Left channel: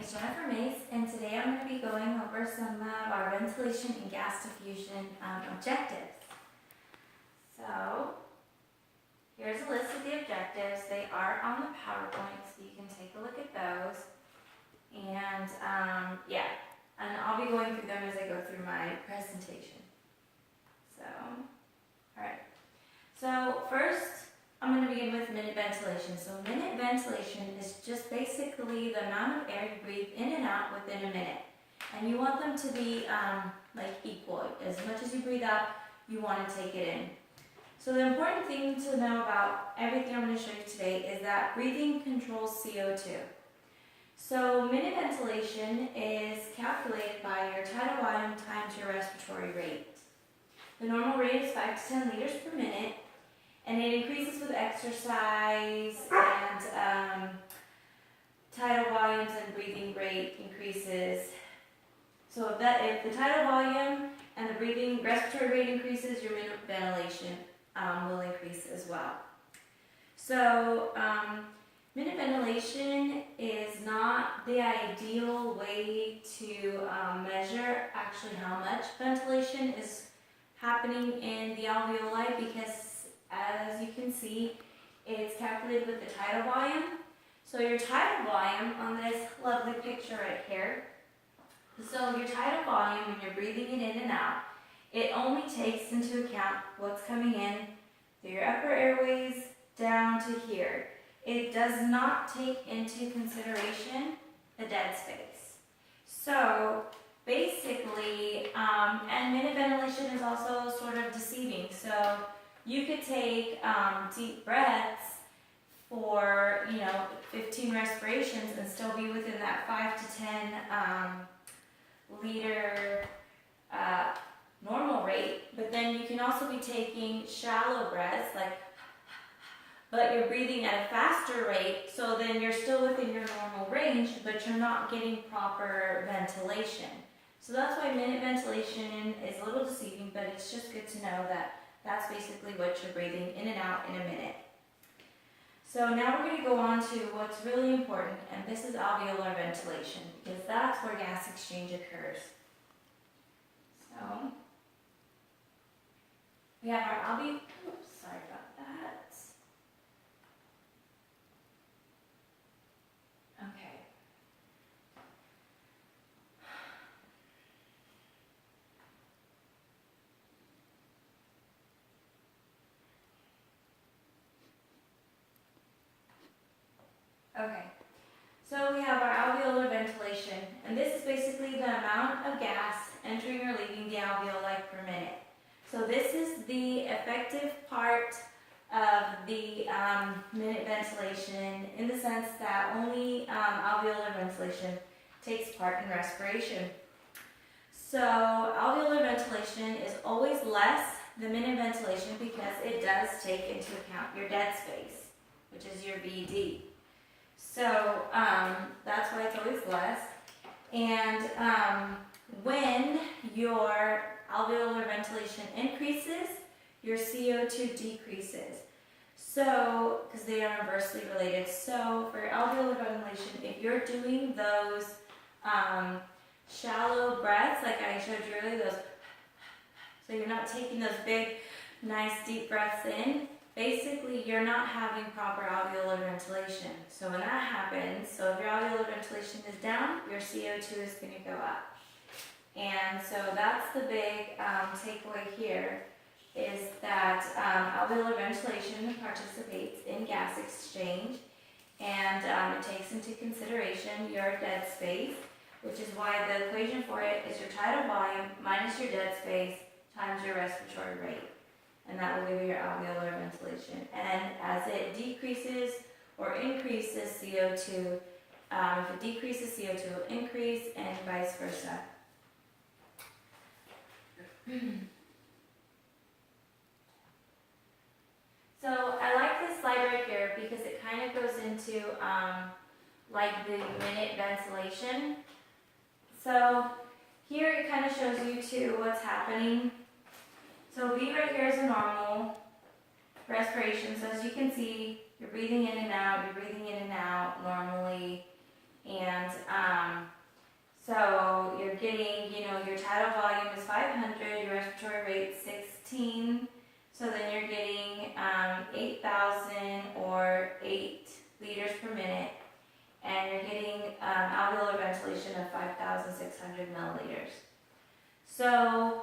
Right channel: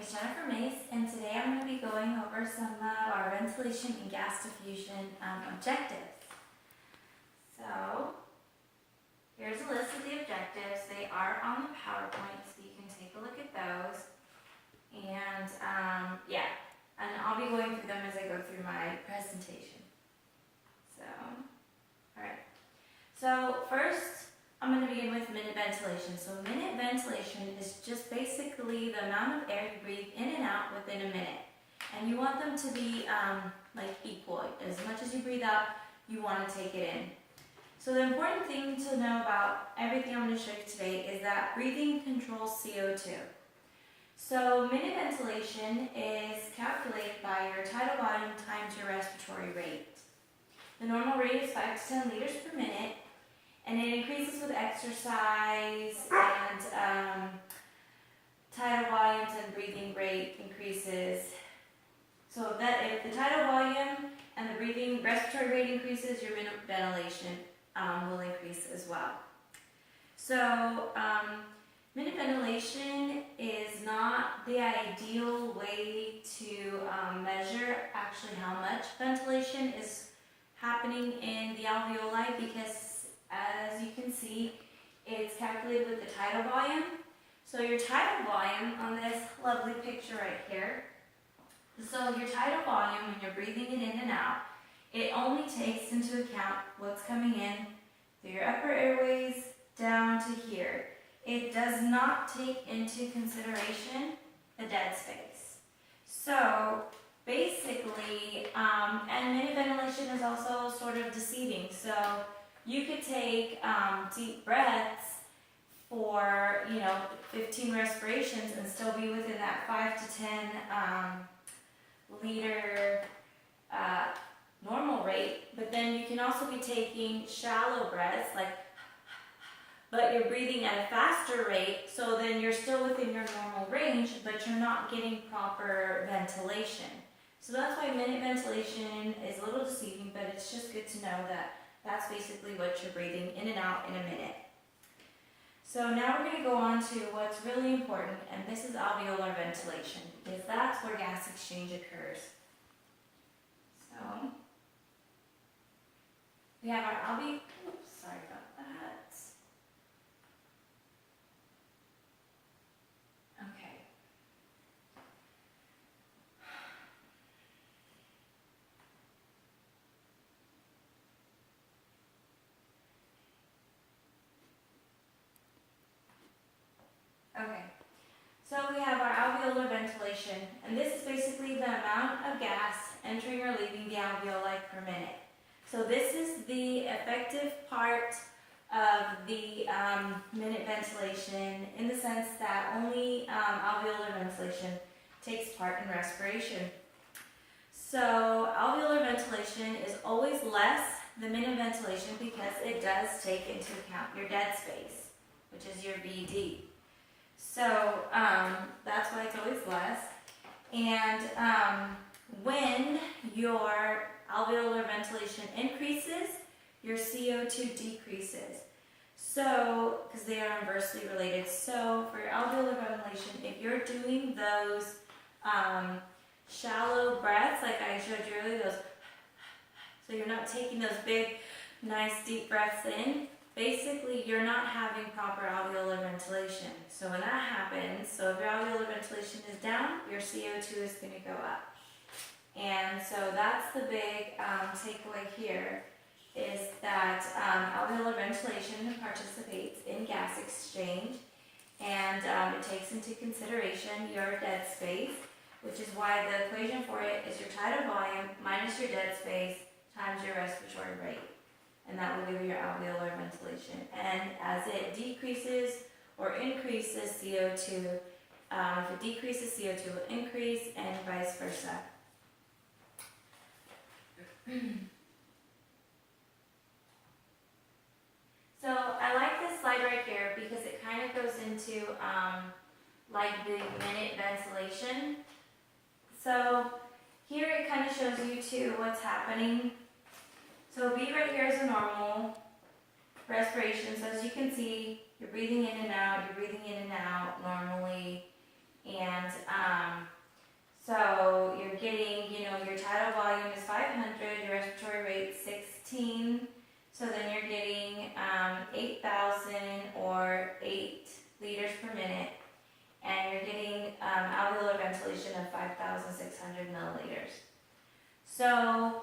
is Jennifer Mace, and today I'm going to be going over some of our ventilation and gas diffusion objectives. So, here's a list of the objectives. They are on the PowerPoint, so you can take a look at those. And and I'll be going through them as I go through my presentation. So, alright. So, first, I'm going to begin with minute ventilation. So minute ventilation is just basically the amount of air you breathe in and out within a minute. And you want them to be equal. As much as you breathe out, you want to take it in. So the important thing to know about everything I'm going to show you today is that breathing controls CO2. So minute ventilation is calculated by your tidal volume times your respiratory rate. The normal rate is 5 to 10 liters per minute. And it increases with exercise and tidal volumes and breathing rate increases. So if the tidal volume and the respiratory rate increases, your minute ventilation will increase as well. So minute ventilation is not the ideal way to measure actually how much ventilation is happening in the alveoli, because as you can see, it's calculated with the tidal volume. So your tidal volume on this lovely picture right here. So your tidal volume, when you're breathing it in and out, it only takes into account what's coming in through your upper airways down to here. It does not take into consideration the dead space. So basically, and minute ventilation is also sort of deceiving. So you could take deep breaths for 15 respirations and still be within that 5 to 10 liter normal rate. But then you can also be taking shallow breaths, but you're breathing at a faster rate, so then you're still within your normal range, but you're not getting proper ventilation. So that's why minute ventilation is a little deceiving, but it's just good to know that that's basically what you're breathing in and out in a minute. So now we're going to go on to what's really important, and this is alveolar ventilation, because that's where gas exchange occurs. So we have our sorry about that. Okay. Okay, so we have our alveolar ventilation, and this is basically the amount of gas entering or leaving the alveoli per minute. So this is the effective part of the minute ventilation, in the sense that only alveolar ventilation takes part in respiration. So alveolar ventilation is always less than minute ventilation because it does take into account your dead space, which is your VD. So that's why it's always less. And when your alveolar ventilation increases, your CO2 decreases. So, because they are inversely related. So for your alveolar ventilation, if you're doing those shallow breaths, like I showed you earlier, so you're not taking those big, nice deep breaths in, basically, you're not having proper alveolar ventilation. So when that happens, so if your alveolar ventilation is down, your CO2 is going to go up. And so that's the big takeaway here, is that alveolar ventilation participates in gas exchange, and it takes into consideration your dead space, which is why the equation for it is your tidal volume minus your dead space times your respiratory rate. And that will give you your alveolar ventilation. And as it decreases or increases CO2, if it decreases, CO2 will increase, and vice versa. So I like this slide right here because it kind of goes into the minute ventilation. So here it kind of shows you too what's happening. So B right here is a normal respiration. So as you can see, you're breathing in and out normally. And ventilation of 5,600 milliliters. So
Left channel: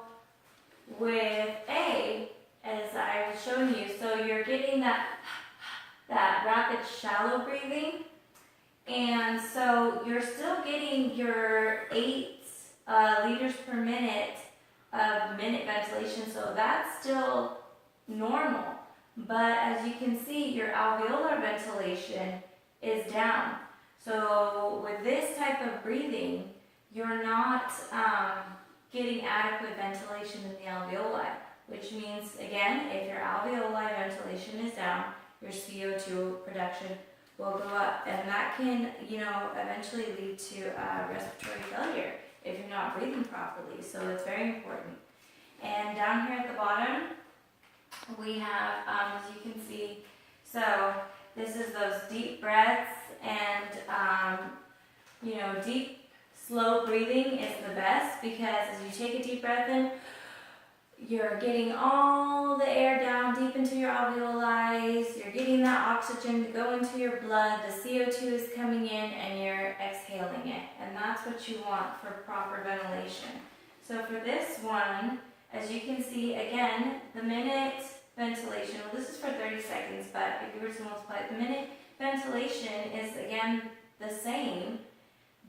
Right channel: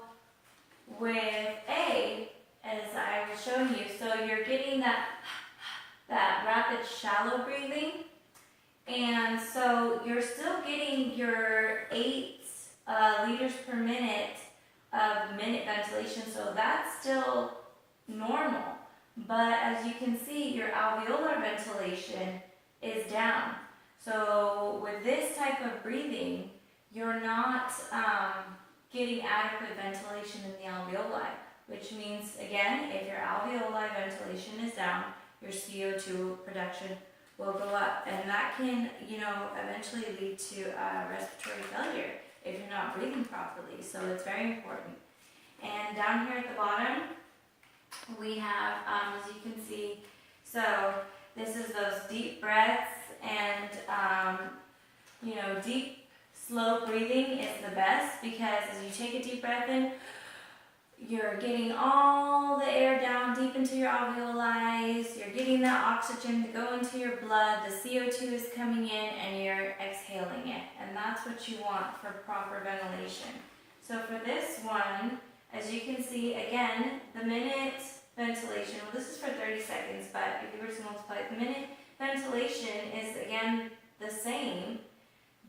with A, as I was showing you, so you're getting that rapid shallow breathing, and so you're still getting your 8 liters per minute of minute ventilation, so that's still normal. But as you can see, your alveolar ventilation is down. So with this type of breathing, you're not getting adequate ventilation in the alveoli, which means, again, if your alveoli ventilation is down, your CO2 production will go up, and that can, eventually lead to respiratory failure if you're not breathing properly. So it's very important. And down here at the bottom, we have, as you can see, so this is those deep breaths, and deep, slow breathing is the best, because as you take a deep breath in, you're getting all the air down deep into your alveoli, you're getting that oxygen to go into your blood, the CO2 is coming in, and you're exhaling it. And that's what you want for proper ventilation. So for this one, as you can see, again, the minute ventilation, well, this is for 30 seconds, but if you were to multiply it, the minute ventilation is, again, the same,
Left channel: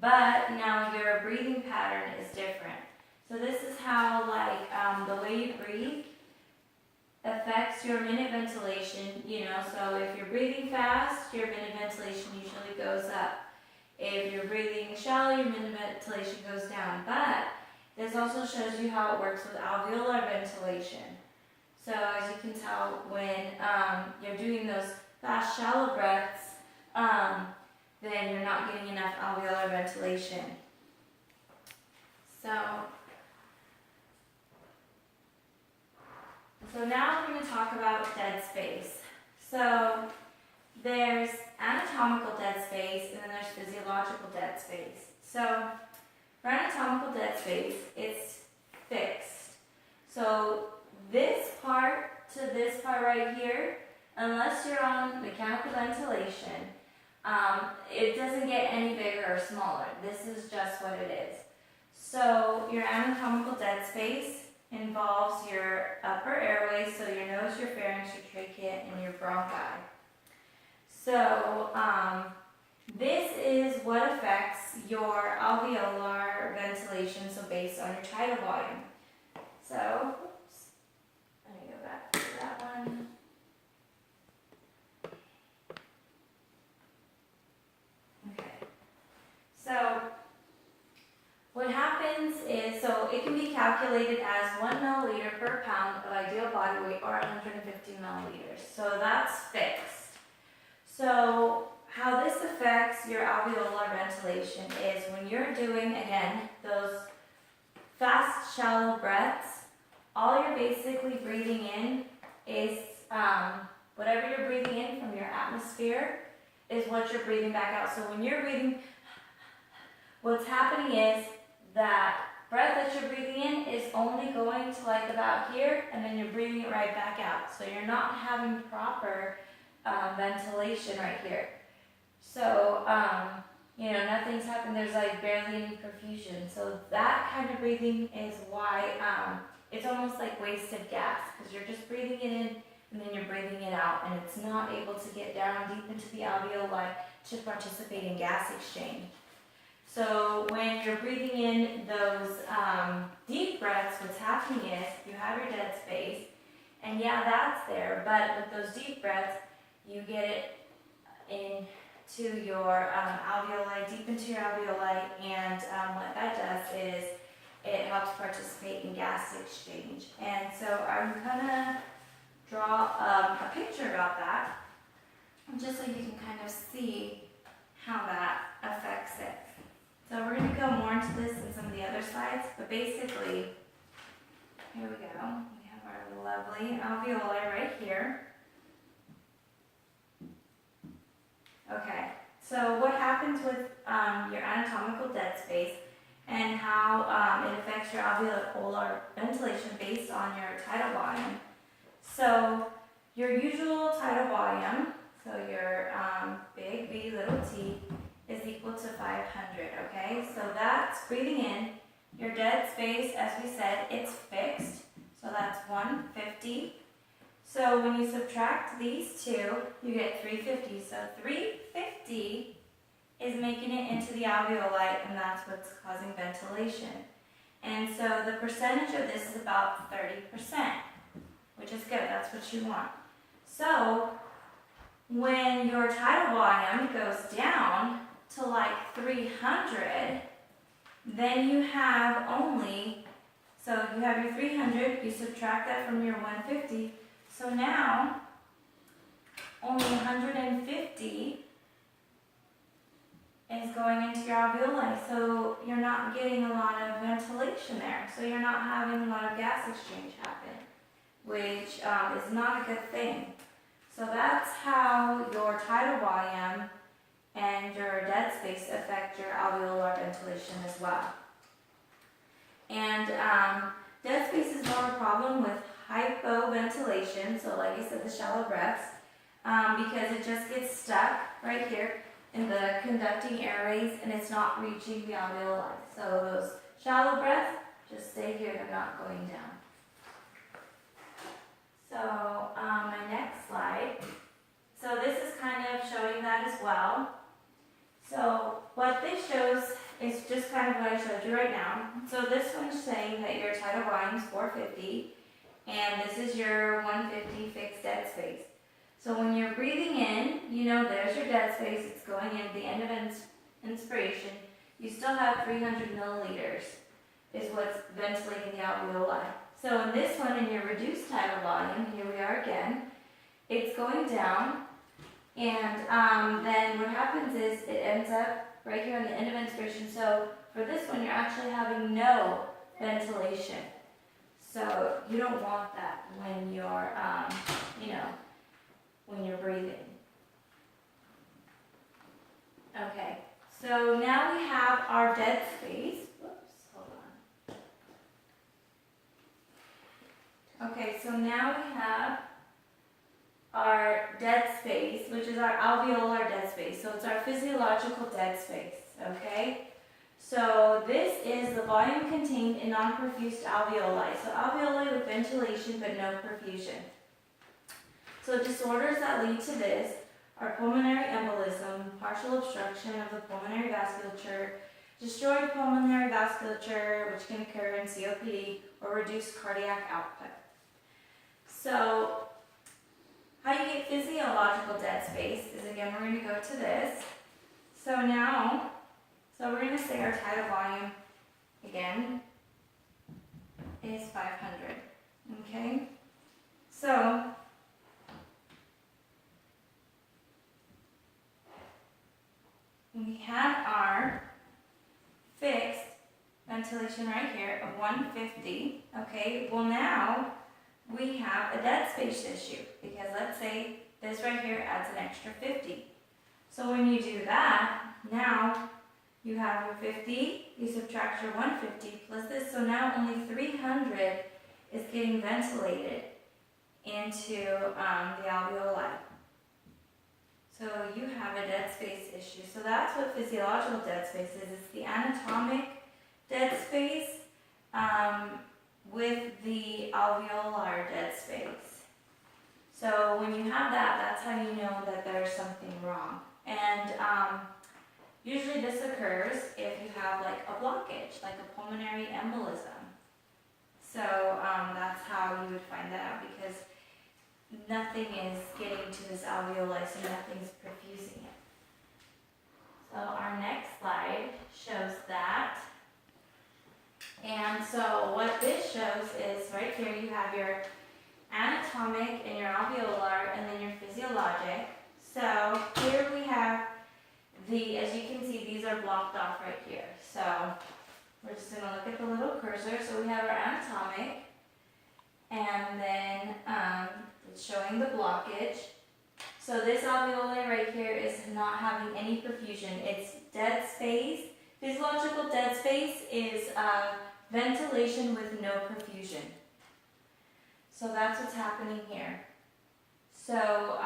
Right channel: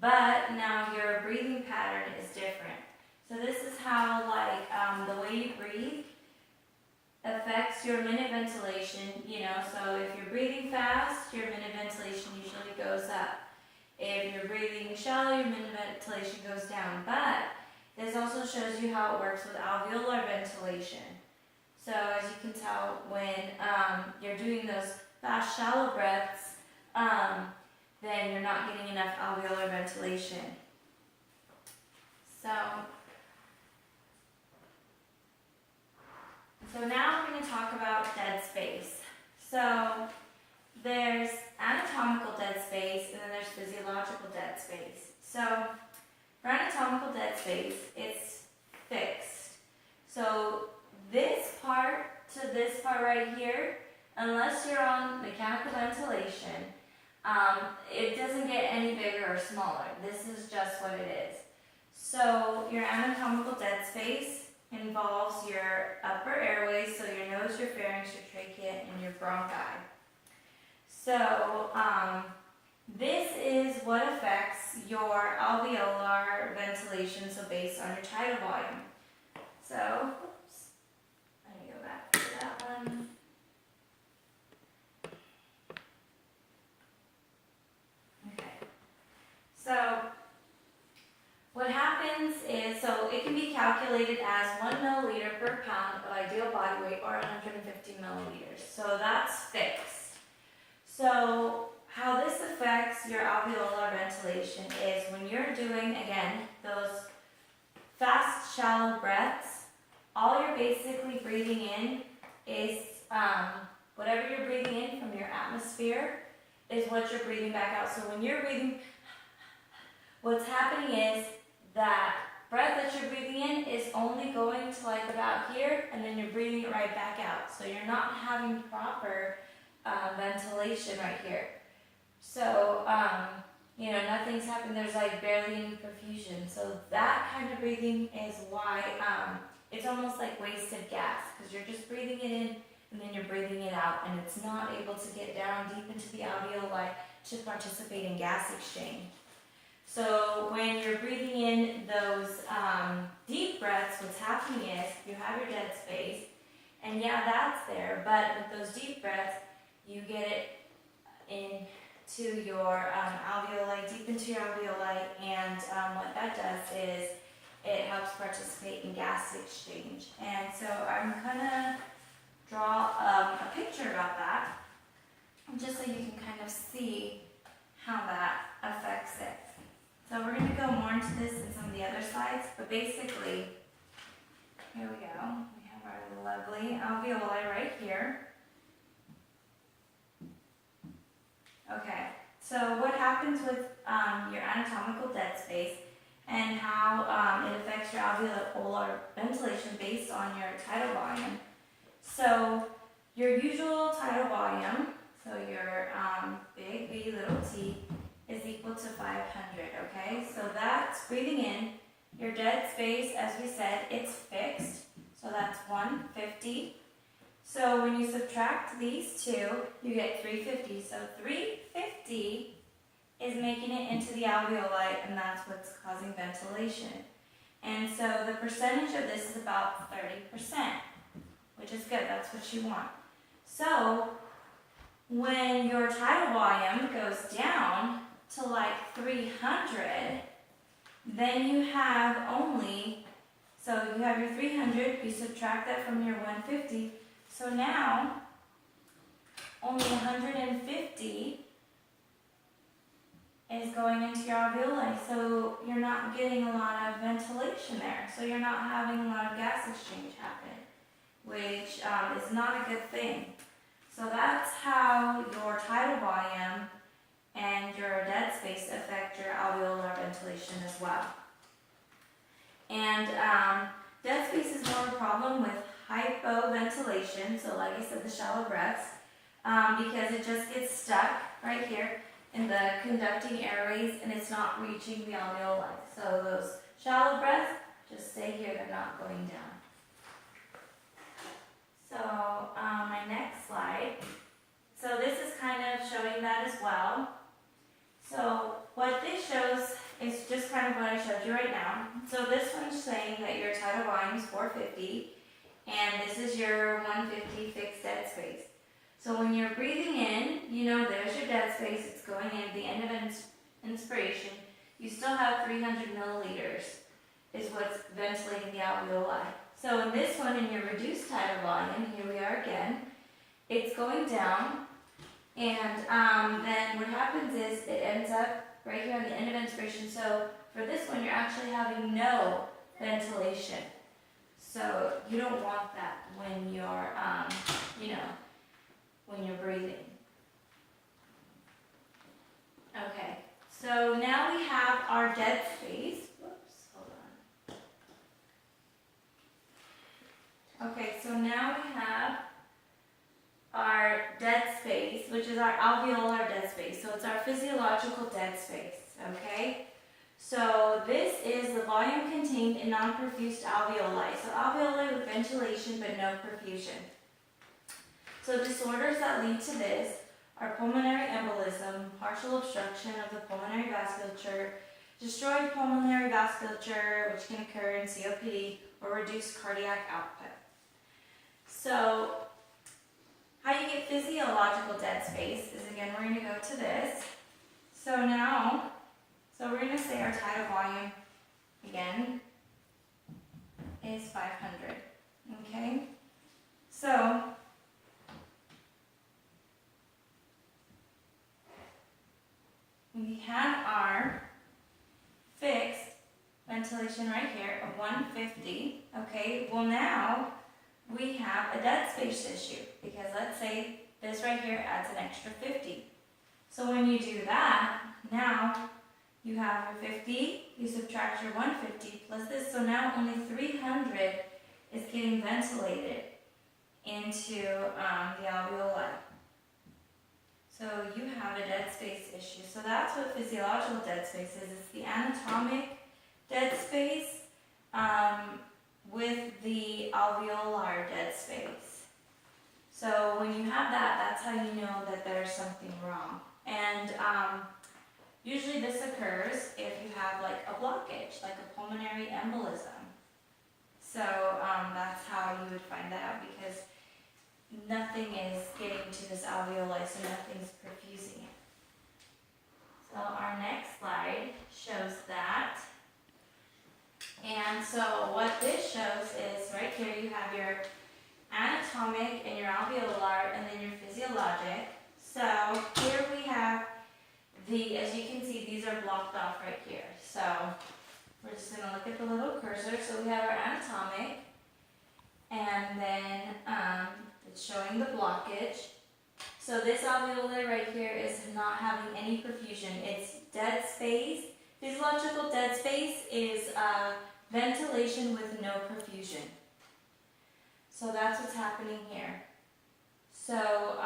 but now your breathing pattern is different. So this is how, the way you breathe affects your minute ventilation, so if you're breathing fast, your minute ventilation usually goes up. If you're breathing shallow, your minute ventilation goes down. But this also shows you how it works with alveolar ventilation. So as you can tell, when you're doing those fast, shallow breaths, then you're not getting enough alveolar ventilation. So now we're going to talk about dead space. So there's anatomical dead space, and then there's physiological dead space. So for anatomical dead space, it's fixed. So this part to this part right here, unless you're on mechanical ventilation, it doesn't get any bigger or smaller. This is just what it is. So your anatomical dead space involves your upper airways, so your nose, your pharynx, your trachea, and your bronchi. So this is what affects your alveolar ventilation, so based on your tidal volume. So, oops, let me go back to that one. Okay. So what happens is, so it can be calculated as 1 milliliter per pound of ideal body weight, or 150 milliliters. So that's fixed. So how this affects your alveolar ventilation is when you're doing, again, those fast, shallow breaths, all you're basically breathing in is whatever you're breathing in from your atmosphere is what you're breathing back out. So when you're breathing, what's happening is that breath that you're breathing in is only going to about here, and then you're breathing it right back out. So you're not having proper ventilation right here. So, nothing's happened. There's barely any perfusion. So that kind of breathing is why it's almost like wasted gas, because you're just breathing it in and then you're breathing it out, and it's not able to get down deep into the alveoli to participate in gas exchange. So when you're breathing in those deep breaths, what's happening is you have your dead space, and yeah, that's there, but with those deep breaths, you get it into your alveoli, deep into your alveoli, and what that does is it helps participate in gas exchange. And so I'm gonna draw a picture about that, just so you can kind of see how that affects it. So we're going to go more into this in some of the other slides, but basically, here we go. We have our lovely alveoli right here. Okay, so what happens with your anatomical dead space and how it affects your alveolar ventilation based on your tidal volume. So your usual tidal volume, so your big V, little t, is equal to 500, okay? Okay, so that's breathing in. Your dead space, as we said, it's fixed. So that's 150. So when you subtract these two, you get 350. So 350 is making it into the alveoli, and that's what's causing ventilation. And so the percentage of this is about 30%, which is good. That's what you want. So when your tidal volume goes down to like 300, then you have only, so you have your 300, you subtract that from your 150, so now only 150 is going into your alveoli, so you're not getting a lot of ventilation there, so you're not having a lot of gas exchange happen, which is not a good thing. So that's how your tidal volume and your dead space affect your alveolar ventilation as well. And dead space is more of a problem with hypoventilation, so like I said, the shallow breaths, because it just gets stuck right here in the conducting airways and it's not reaching the alveoli. So those shallow breaths just stay here, they're not going down. So my next slide. So this is kind of showing that as well. So what this shows is just kind of what I showed you right now. So this one's saying that your tidal volume is 450 and this is your 150 fixed dead space. So when you're breathing in, you know there's your dead space, it's going in, the end of inspiration, you still have 300 milliliters is what's ventilating the alveoli. So in this one, in your reduced tidal volume, here we are again, it's going down, and then what happens is it ends up right here on the end of inspiration. So for this one, you're actually having no ventilation. So you don't want that when you're, when you're breathing. Okay, so now we have our dead space. Whoops, hold on. Okay, so now we have our dead space, which is our alveolar dead space. So it's our physiological dead space, okay? So this is the volume contained in non-perfused alveoli. So alveoli with ventilation but no perfusion. So disorders that lead to this are pulmonary embolism, partial obstruction of the pulmonary vasculature, destroyed pulmonary vasculature, which can occur in COPD, or reduced cardiac output. So how you get physiological dead space is, again, we're going to go to this. So now, we're going to say our tidal volume, again, is 500, okay? So we had our fixed ventilation right here of 150, okay? Well, now we have a dead space issue because let's say this right here adds an extra 50. So when you do that, now you have your 50, you subtract your 150 plus this, so now only 300 is getting ventilated into the alveoli. So you have a dead space issue. So that's what physiological dead space is. It's the anatomic dead space with the alveolar dead space. So when you have that, that's how you know that there's something wrong. And usually this occurs if you have like a blockage, like a pulmonary embolism. So that's how you would find that out, because nothing is getting to this alveoli, so nothing's perfusing it. So our next slide shows that. And so what this shows is right here you have your anatomic and your alveolar and then your physiologic. So here we have as you can see, these are blocked off right here. So we're just going to look at the little cursor. So we have our anatomic, and then it's showing the blockage. So this alveolar right here is not having any perfusion. It's dead space. Physiological dead space is ventilation with no perfusion. So that's what's happening here. So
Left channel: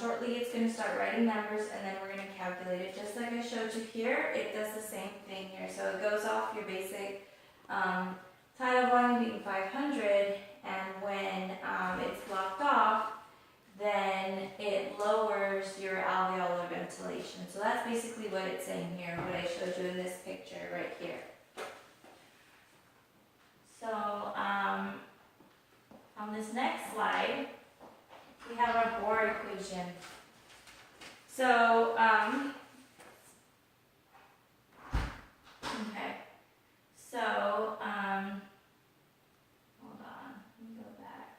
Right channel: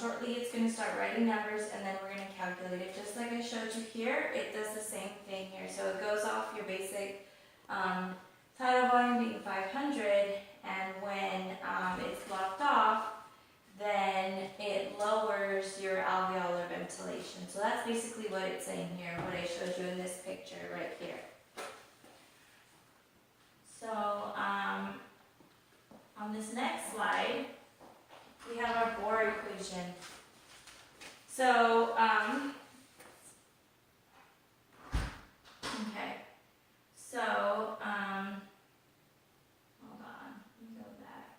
shortly it's going to start writing numbers and then we're going to calculate it. Just like I showed you here, it does the same thing here. So it goes off your basic tidal volume being 500, and when it's blocked off, then it lowers your alveolar ventilation. So that's basically what it's saying here, what I showed you in this picture right here. So on this next slide, we have our Bohr equation. So, okay. So, hold on, let me go back.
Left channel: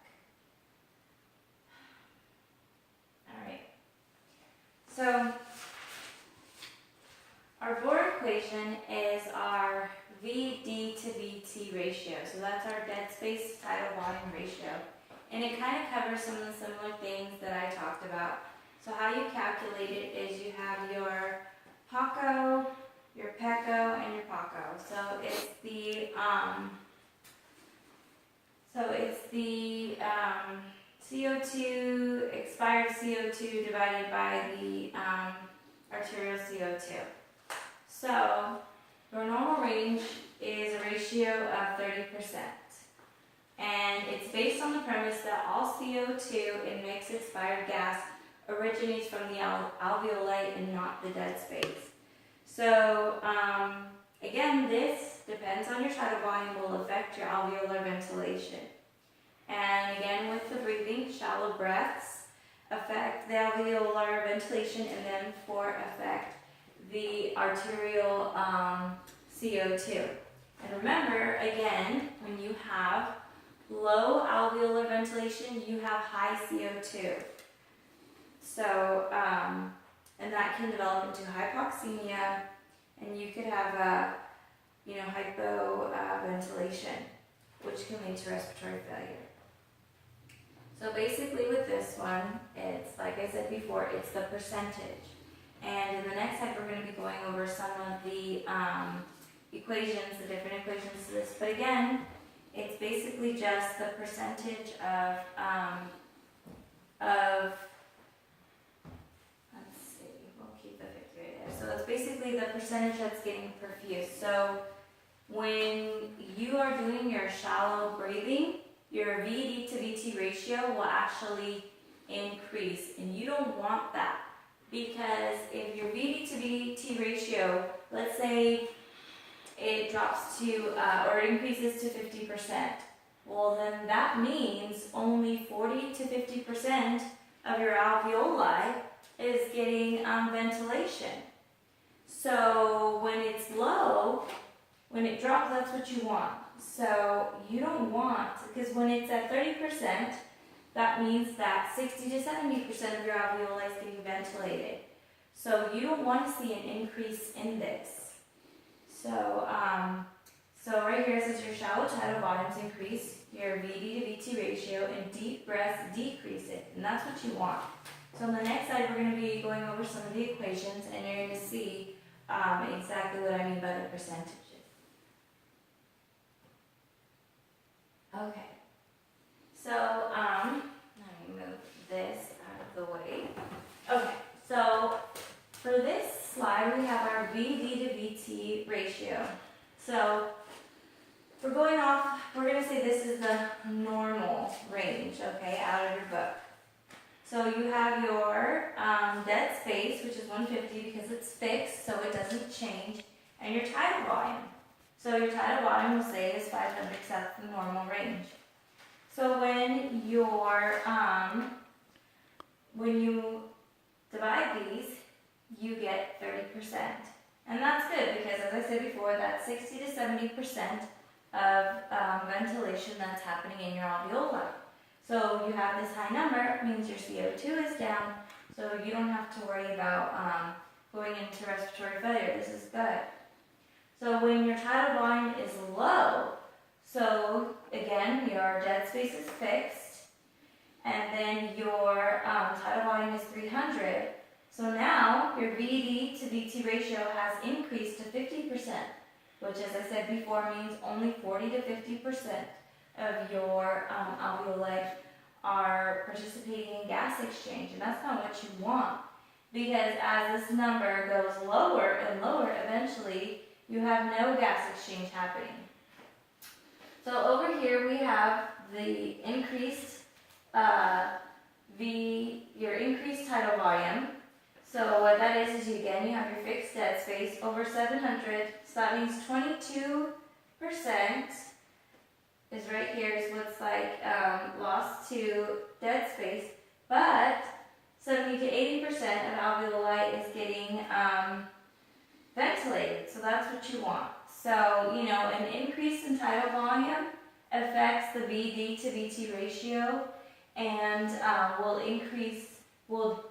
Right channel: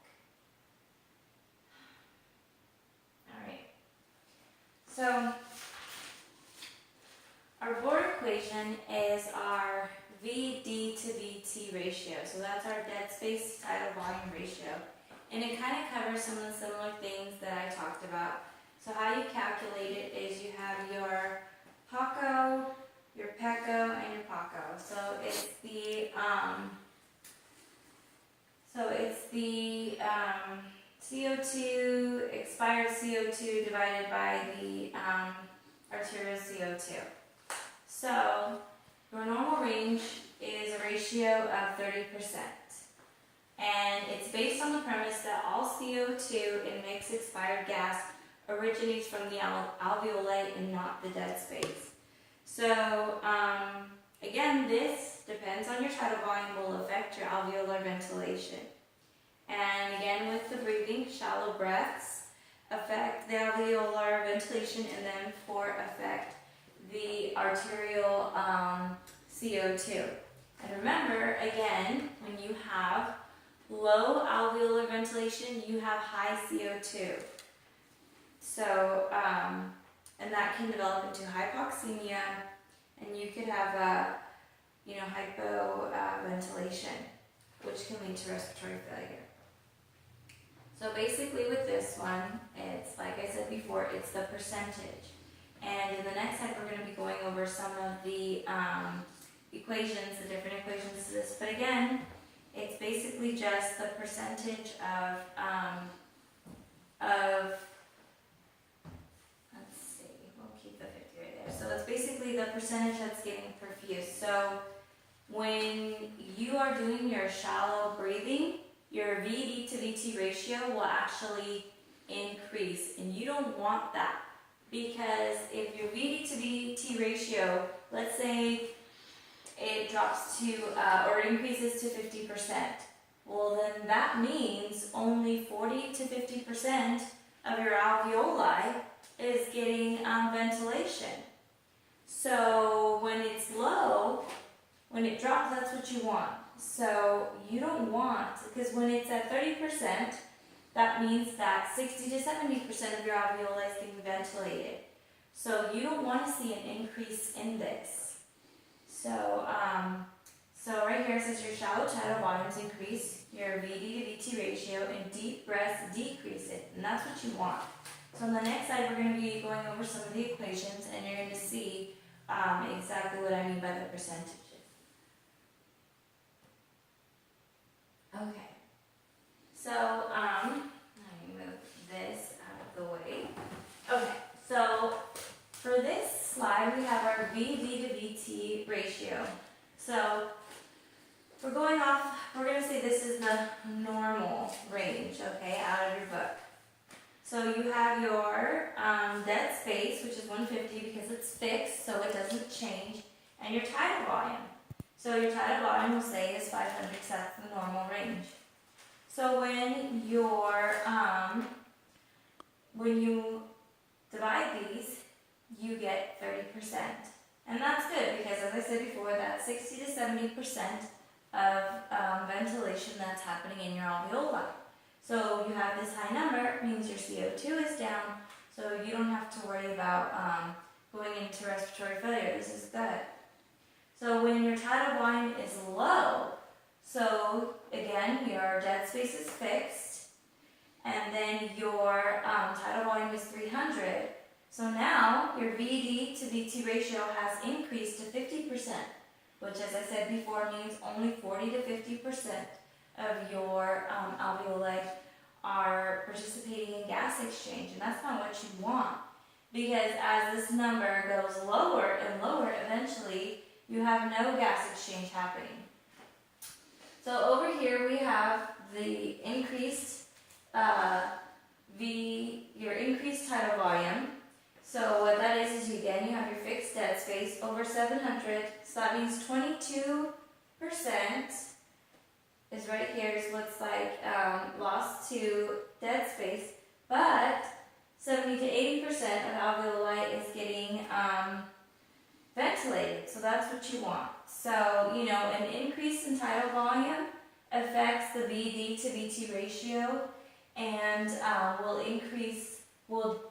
Alright. So, our Bohr equation is our VD to VT ratio. So that's our dead space tidal volume ratio. And it kind of covers some of the similar things that I talked about. So how you calculate it is you have your PACO, your PECO, and your PACO. So it's the CO2, expired CO2 divided by the arterial CO2. So your normal range is a ratio of 30%. And it's based on the premise that all CO2 in mixed expired gas originates from the alveoli and not the dead space. So again, this depends on your tidal volume, will affect your alveolar ventilation. And again, with the breathing, shallow breaths affect the alveolar ventilation and then affect the arterial CO2. And remember, again, when you have low alveolar ventilation, you have high CO2. So, and that can develop into hypoxemia, and you could have hypoventilation, which can lead to respiratory failure. So basically with this one, it's like I said before, it's the percentage. And in the next step, we're going to be going over some of the equations, the different equations to this. But again, it's basically just the percentage of let's see, we'll keep the 50 right there. So it's basically the percentage that's getting perfused. So when you are doing your shallow breathing, your VD to VT ratio will actually increase, and you don't want that, because if your VD to VT ratio, let's say it drops to, or increases to 50%, well then that means only 40 to 50% of your alveoli is getting ventilation. So when it's low, when it drops, that's what you want. So you don't want, because when it's at 30%, that means that 60 to 70% of your alveoli is getting ventilated. So you don't want to see an increase in this. So, so right here it says your shallow tidal volumes increase, your VD to VT ratio, and deep breaths decrease it, and that's what you want. So on the next slide, we're going to be going over some of the equations, and you're going to see exactly what I mean by the percentages. Okay, so let me move this out of the way. Okay, so for this slide, we have our VD to VT ratio. So we're going off, we're going to say this is the normal range, okay, out of your book. So you have your dead space, which is 150 because it's fixed, so it doesn't change, and your tidal volume. So your tidal volume, we'll say, is 500 because that's the normal range. So when you divide these, you get 30%. And that's good because, as I said before, that's 60 to 70% of ventilation that's happening in your alveoli. So you have this high number, it means your CO2 is down, so you don't have to worry about going into respiratory failure. This is good. So when your tidal volume is low, so again, your dead space is fixed, and then your tidal volume is 300. So now your VD to VT ratio has increased to 50%, which, as I said before, means only 40 to 50% of your alveoli are participating in gas exchange, and that's not what you want. Because as this number goes lower and lower, eventually you have no gas exchange happening. So over here we have the increased your increased tidal volume. So what that is again, you have your fixed dead space over 700. So that means 22% is right here is what's like lost to dead space, but 70 to 80% of alveoli is getting ventilated. So that's what you want. So, you know, an increase in tidal volume affects the VD to VT ratio and will increase your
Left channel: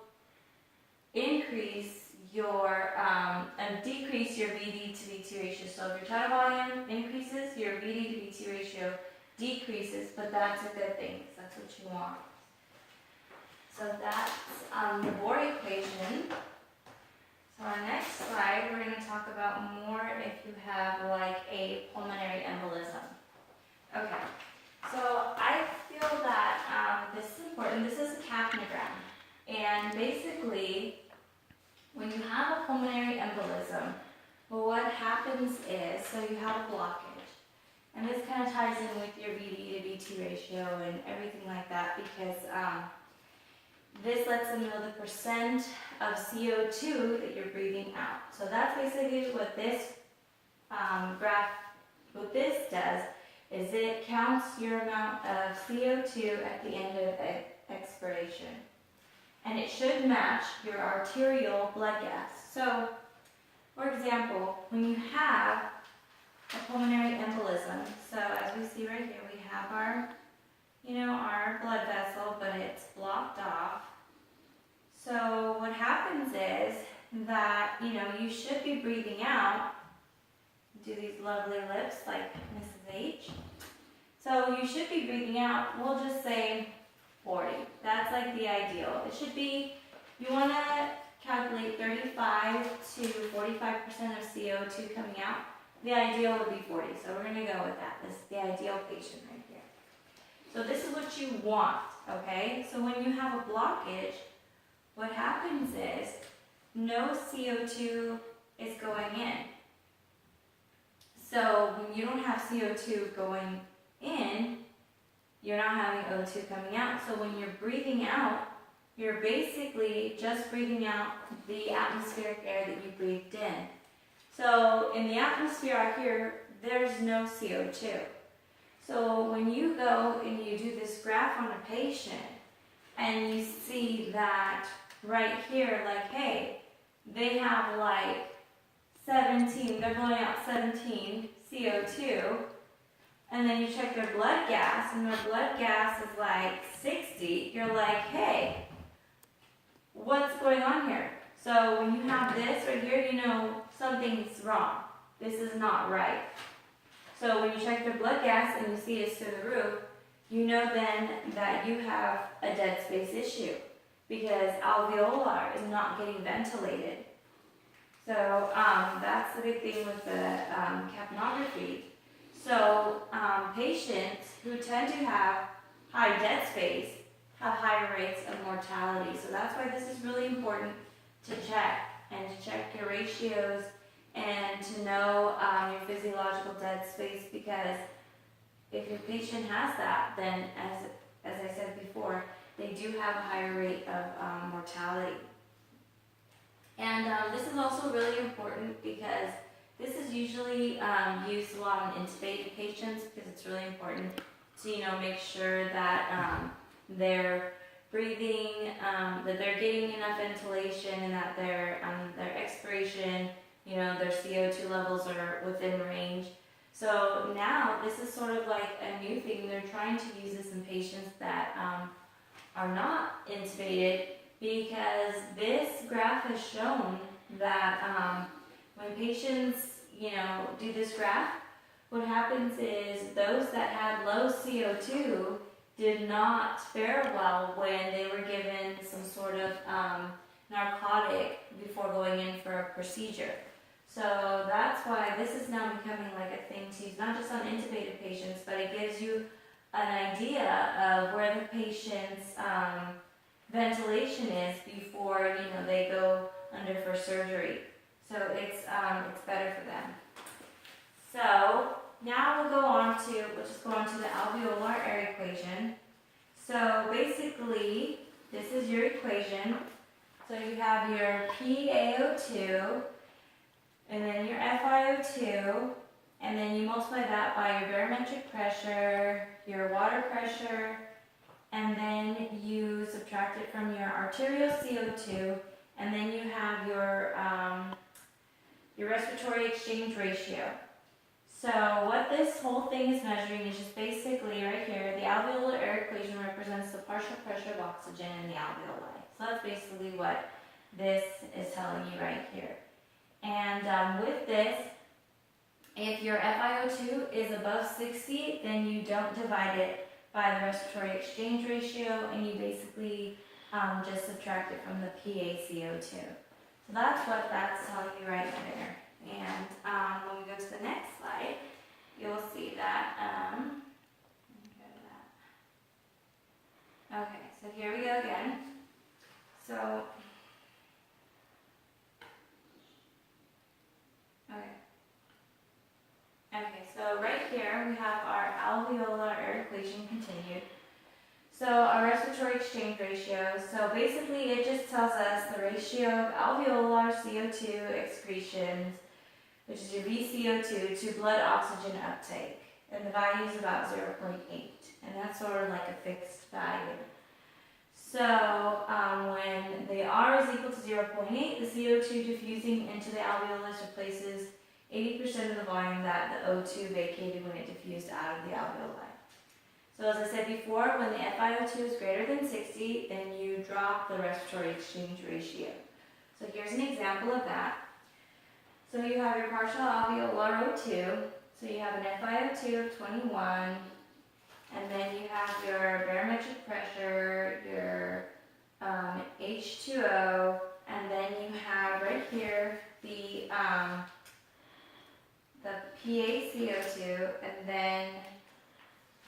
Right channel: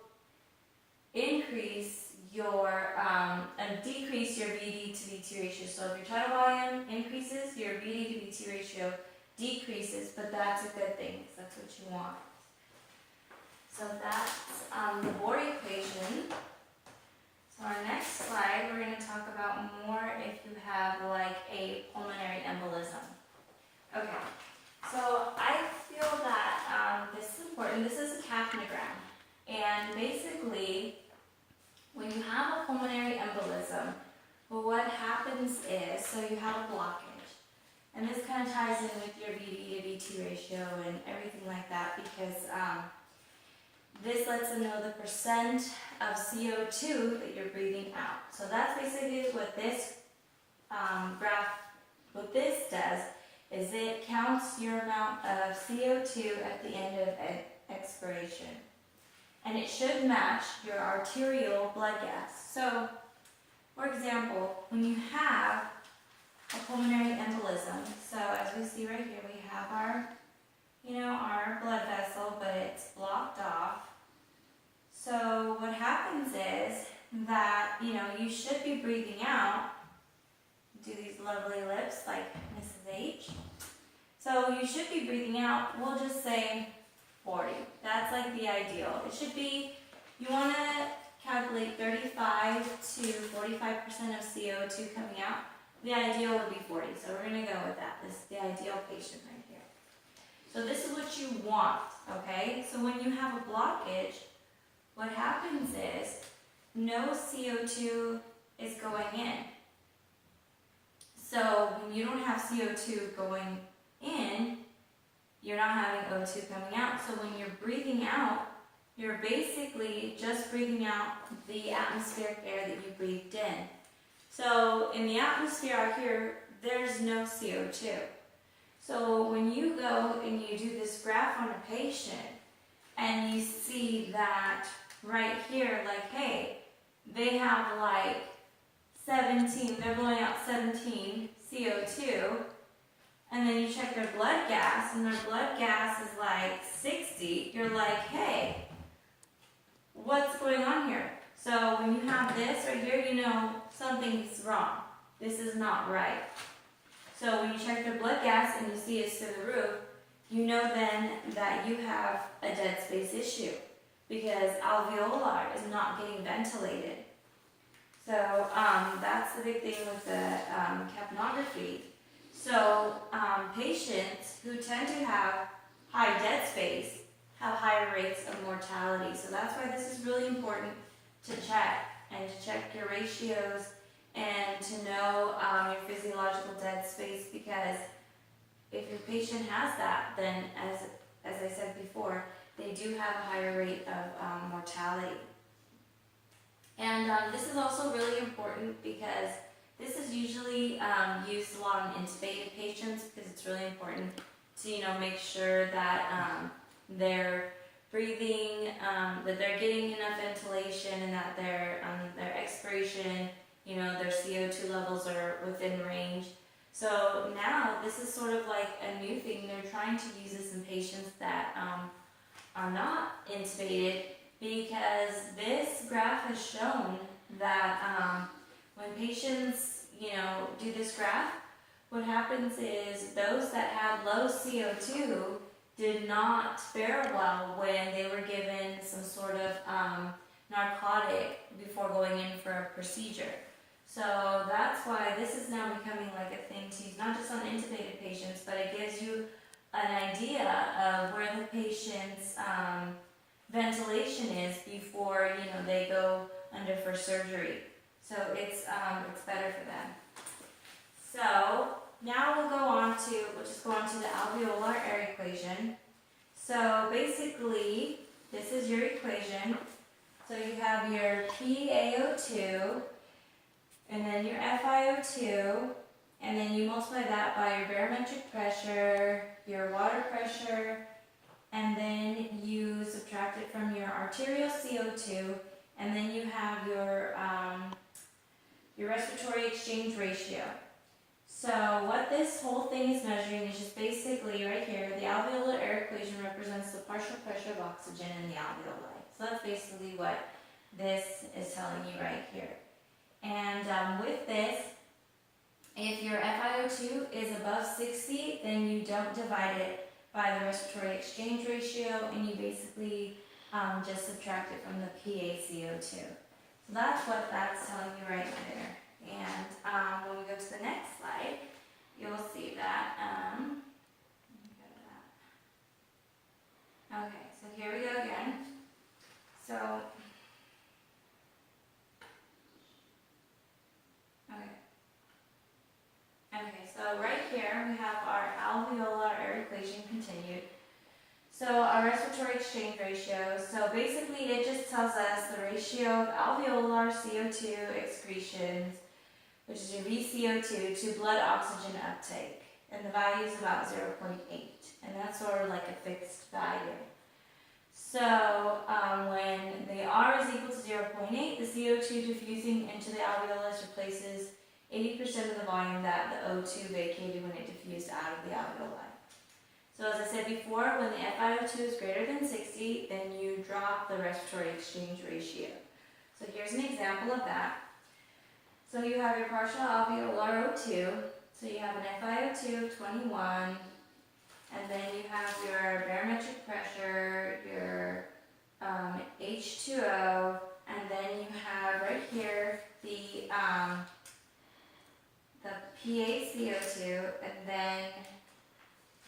and decrease your VD to VT ratio. So if your tidal volume increases, your VD to VT ratio decreases, but that's a good thing because that's what you want. So that's the Bohr equation. So our next slide, we're going to talk about more if you have like a pulmonary embolism. Okay, so I feel that this is important. This is a capnogram. And basically, when you have a pulmonary embolism, well, what happens is, so you have a blockage. And this kind of ties in with your VD to VT ratio and everything like that because this lets them know the percent of CO2 that you're breathing out. So that's basically what this graph, what this does, is it counts your amount of CO2 at the end of expiration. And it should match your arterial blood gas. So, for example, when you have a pulmonary embolism, so as we see right here, we have our, our blood vessel, but it's blocked off. So what happens is that, you should be breathing out. Do these lovely lips like Mrs. H. So you should be breathing out, we'll just say 40. That's like the ideal. It should be, you want to calculate 35 to 45% of CO2 coming out. The ideal would be 40, so we're going to go with that. This is the ideal patient right here. So this is what you want, okay? So when you have a blockage, what happens is no CO2 is going in. So when you don't have CO2 going in, you're not having O2 coming out. So when you're breathing out, you're basically just breathing out the atmospheric air that you breathed in. So in the atmosphere out here, there's no CO2. So when you go and you do this graph on a patient, and you see that right here, like, hey, they have like 17, they're blowing out 17 CO2, and then you check their blood gas, and their blood gas is like 60, you're like, hey, what's going on here? So when you have this right here, you know something's wrong. This is not right. So when you check their blood gas and you see it's through the roof, you know then that you have a dead space issue because alveolar is not getting ventilated. So that's the big thing with the capnography. So patients who tend to have high dead space have higher rates of mortality. So that's why this is really important to check, and to check your ratios and to know your physiological dead space, because if your patient has that, then as I said before, they do have a higher rate of mortality. And this is also really important because this is usually used a lot in intubated patients, because it's really important to make sure that they're breathing, that they're getting enough ventilation, and that their expiration, their CO2 levels are within range. So now this is sort of like a new thing. They're trying to use this in patients that are not intubated, because this graph has shown that when patients, do this graph, what happens is those that had low CO2 did not fare well when they were given some sort of narcotic before going in for a procedure. So that's why this is now becoming like a thing to use, not just on intubated patients, but it gives you an idea of where the patient's ventilation is before they go under for surgery. So it's better for them. So now we'll just go on to the alveolar air equation. So basically, this is your equation. So you have your PaO2, and then your FiO2, and then you multiply that by your barometric pressure, your water pressure, and then you subtract it from your arterial CO2, and then you have your respiratory exchange ratio. So what this whole thing is measuring is just basically right here, the alveolar air equation represents the partial pressure of oxygen in the alveoli. So that's basically what this is telling you right here. And with this, if your FiO2 is above 60, then you don't divide it by the respiratory exchange ratio, and you basically just subtract it from the PaCO2. So that's what that's telling you right there. And when we go to the next slide, you'll see that. Okay, so here we go again. So, okay, so right here we have our alveolar air equation continued. So our respiratory exchange ratio, so basically it just tells us the ratio of alveolar CO2 excretions, which is your VCO2, to blood oxygen uptake. And the value is about 0.8, and that's sort of like a fixed value. So when the R is equal to 0.8, the CO2 diffusing into the alveolus replaces 80% of the volume that the O2 vacated when it diffused out of the alveoli. So as I said before, when the FiO2 is greater than 60, then you drop the respiratory exchange ratio. So here's an example of that. So you have your partial alveolar O2, so you have an FiO2 of 21, and then you have your barometric pressure, your H2O, and then you have right here the PaCO2, and then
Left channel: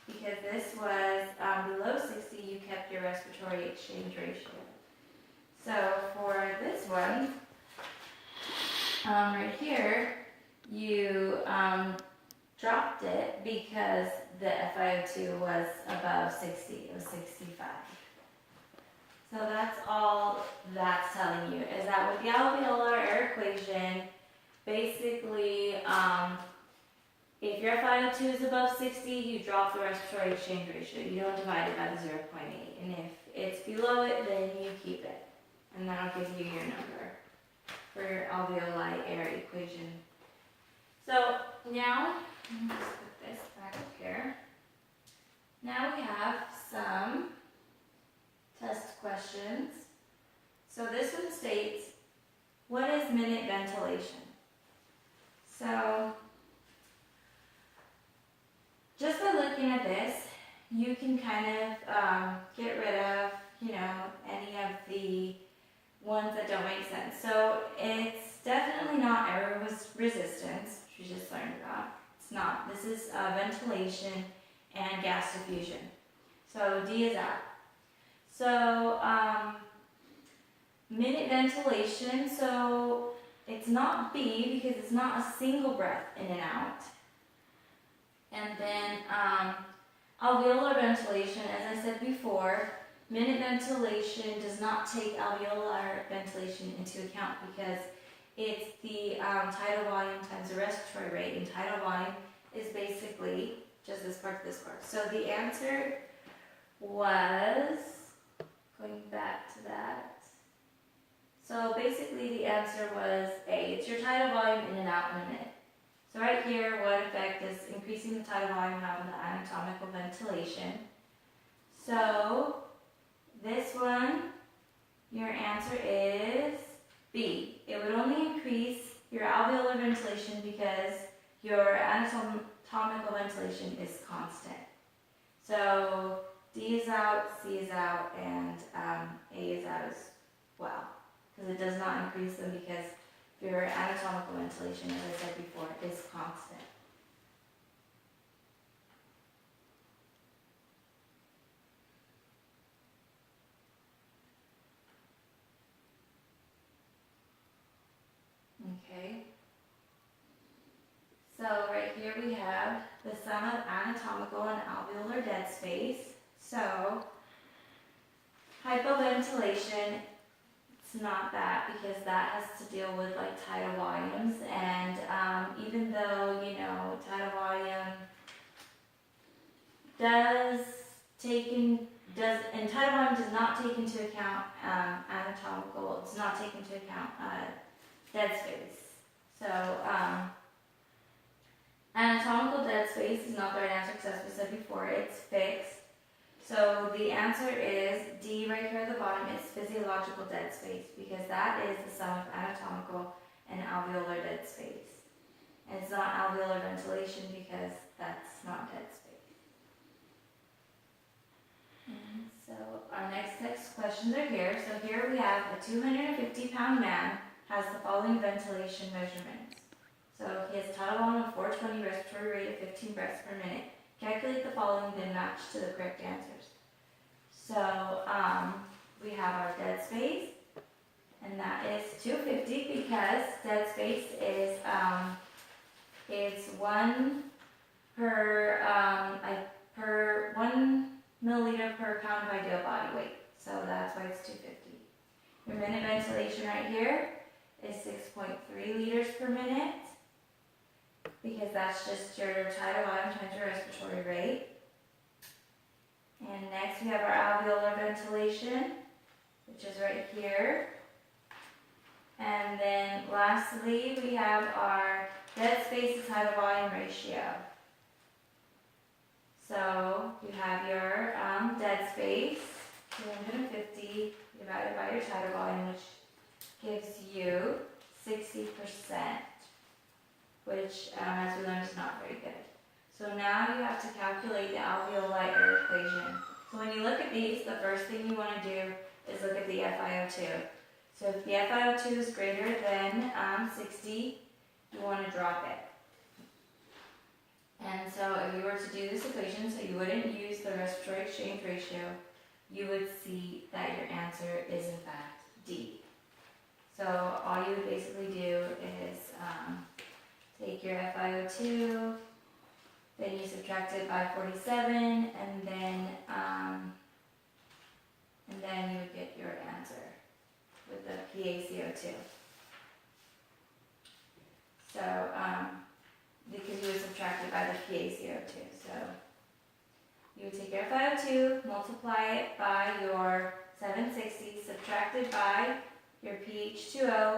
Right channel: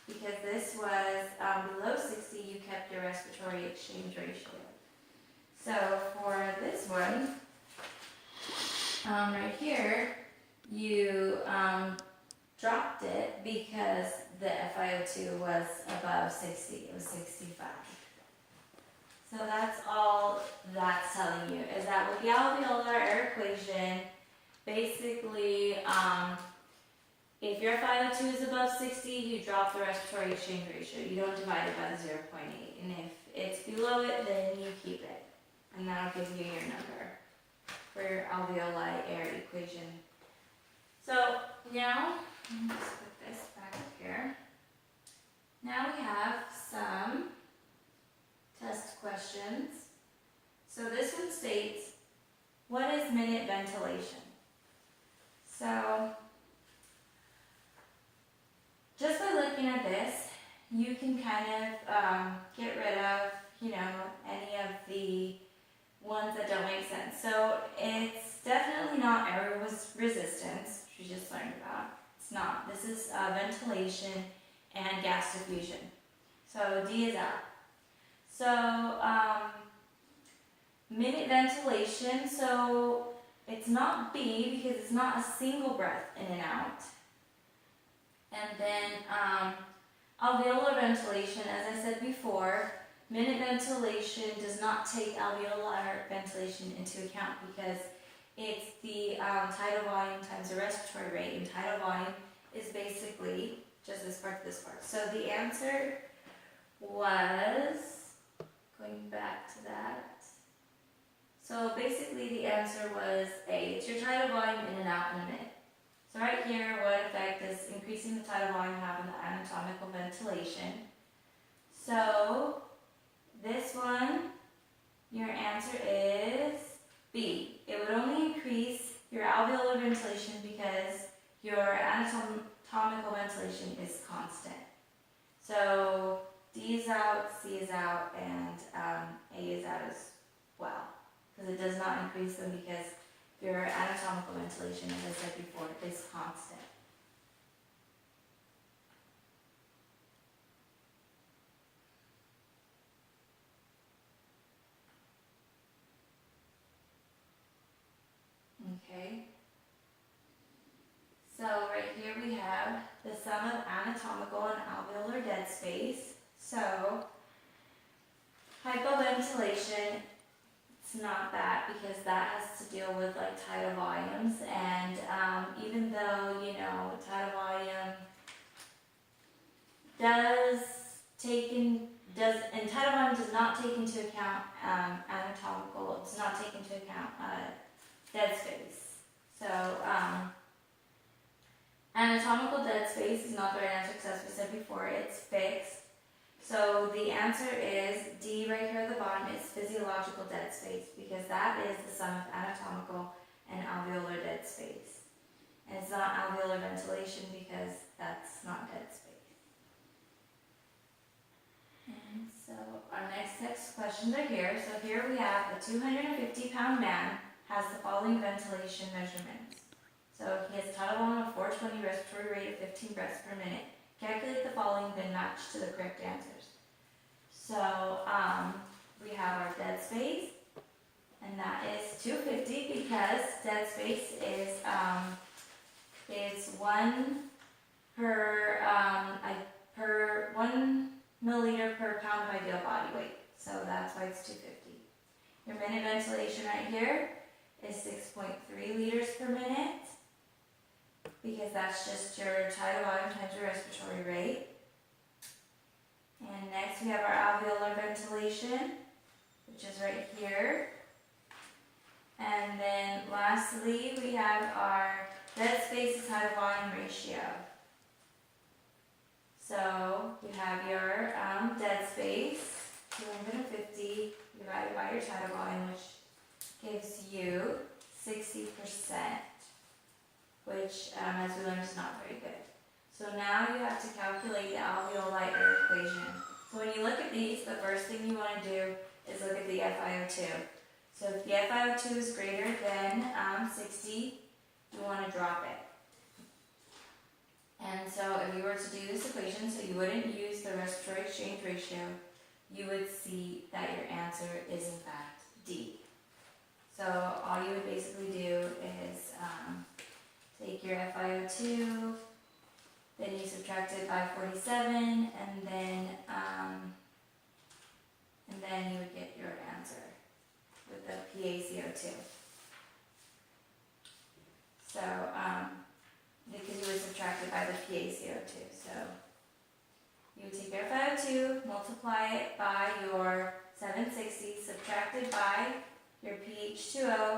because this was below 60, you kept your respiratory exchange ratio. So for this one, right here, you dropped it because the FiO2 was above 60, it was 65. So that's all that's telling you, is that with the alveolar air equation, basically, if your FiO2 is above 60, you drop the respiratory exchange ratio. You don't divide it by the 0.8. And if it's below it, then you keep it. And that'll give you your number for your alveoli air equation. So now, let's put this back up here. Now we have some test questions. So this one states, what is minute ventilation? So, just by looking at this, you can kind of get rid of, any of the ones that don't make sense. So it's definitely not air resistance, which we just learned about. It's not. This is ventilation and gas diffusion. So D is out. So minute ventilation, so it's not B because it's not a single breath in and out. And then alveolar ventilation, as I said before, minute ventilation does not take alveolar ventilation into account because it's the tidal volume times the respiratory rate, and tidal volume is basically just this part to this part. So the answer was, going back to that, so basically the answer was A. It's your tidal volume in and out in a minute. So right here, what effect does increasing the tidal volume have on the anatomical ventilation? So this one, your answer is B. It would only increase your alveolar ventilation because your anatomical ventilation is constant. So D is out, C is out, and A is out as well, because it does not increase them because your anatomical ventilation, as I said before, is constant. Okay. So right here we have the sum of anatomical and alveolar dead space. So hypoventilation, it's not that, because that has to deal with like tidal volumes, and even though, you know, tidal volume tidal volume does not take into account anatomical, does not take into account dead space. So anatomical dead space is not the right answer, because as we said before, it's fixed. So the answer is D right here at the bottom. It's physiological dead space, because that is the sum of anatomical and alveolar dead space. And it's not alveolar ventilation, because that's not dead space. And so our next questions are here. So here we have a 250-pound man has the following ventilation measurements. So he has tidal volume of 420, respiratory rate of 15 breaths per minute. Calculate the following, then match to the correct answers. So we have our dead space, and that is 250, because dead space is 1 per 1 milliliter per pound of ideal body weight. So that's why it's 250. Your minute ventilation right here is 6.3 liters per minute, because that's just your tidal volume times your respiratory rate. And next we have our alveolar ventilation, which is right here. And then lastly, we have our dead space to tidal volume ratio. So we have your dead space, 250 divided by your tidal volume, which gives you 60%, which, as we learned, is not very good. So now you have to calculate the alveoli air equation. So when you look at these, the first thing you want to do is look at the FiO2. So if the FiO2 is greater than 60, you want to drop it. And so if you were to do this equation, so you wouldn't use the respiratory exchange ratio, you would see that your answer is in fact D. So all you would basically do is take your FiO2, then you subtract it by 47, and then you would get your answer with the PaCO2. So because you would subtract it by the PaCO2. So you would take your FiO2, multiply it by your 760, subtracted by your pH2O,